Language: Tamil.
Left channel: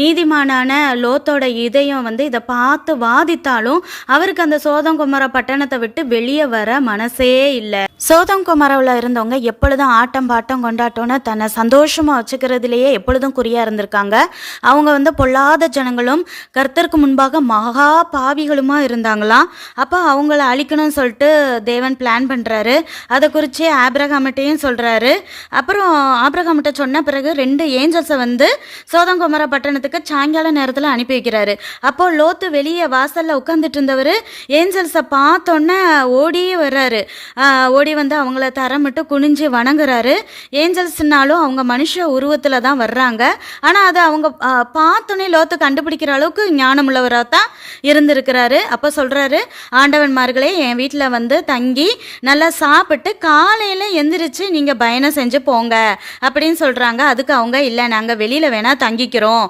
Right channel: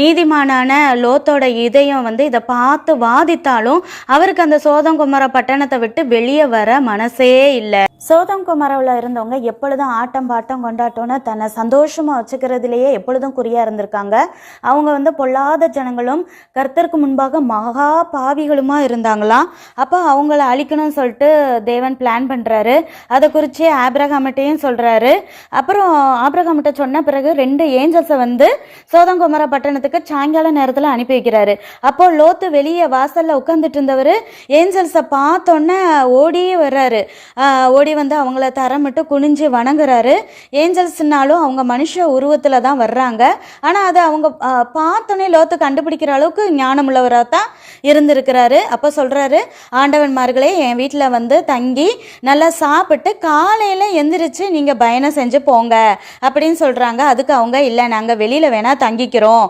நீதிமானான லோத்தோட இதயம் வந்து இதை பார்த்து வாதித்தாலும் அவருக்கு அந்த சோதம் குமர பட்டணத்தை விட்டு வெளியே வர மனசே இல்லை. சோதம் குமரவில் இருந்தவங்க எப்பொழுதும் ஆட்டம் பாட்டம் கொண்டாட்டம்னு தன்னை சந்தோஷமாக வச்சுக்கிறதுலையே எப்பொழுதும் குறியாக இருந்திருக்காங்க. அவங்க வந்து பொல்லாத ஜனங்களும் கர்த்தருக்கு முன்பாக மகா பாவிகளுமா இருந்தாங்களாம். அப்போ அவங்கள அழிக்கணும்னு சொல்லிட்டு தேவன் பிளான் பண்ணுறாரு. அதை குறித்து ஆபிரகாமிட்டையும் சொல்கிறாரு. அப்புறம் ஆபிரகாமிட்ட சொன்ன பிறகு 2 ஏஞ்சல்ஸை வந்து சோதம் குமர பட்டணத்துக்கு சாயங்கால நேரத்தில் அனுப்பி வைக்கிறாரு. அப்போ லோத்து வெளியே வாசலில் உட்காந்துட்டு இருந்தவர் ஏஞ்சல்ஸை பார்த்தோன்னே ஓடியே வர்றாரு. ஓடி வந்து அவங்கள தரமிட்டு குனிஞ்சு வணங்குறாரு. ஏஞ்சல்ஸ்னாலும் அவங்க மனுஷ உருவத்தில் தான் வர்றாங்க. ஆனால் அதை அவங்க பார்த்தோன்னே லோத்து கண்டுபிடிக்கிற அளவுக்கு ஞானமுள்ளவராக தான் இருந்திருக்கிறாரு. அப்போ சொல்கிறாரு, ஆண்டவன்மார்களே என் வீட்டில் வந்து தங்கி நல்லா சாப்பிட்டு காலையில் எந்திரிச்சு நீங்கள் பயணம் செஞ்சு போங்க அப்படின்னு சொல்கிறாங்க. அதுக்கு அவங்க, இல்லை நாங்கள் வெளியில் வேணால் தங்கிக்கிறோம்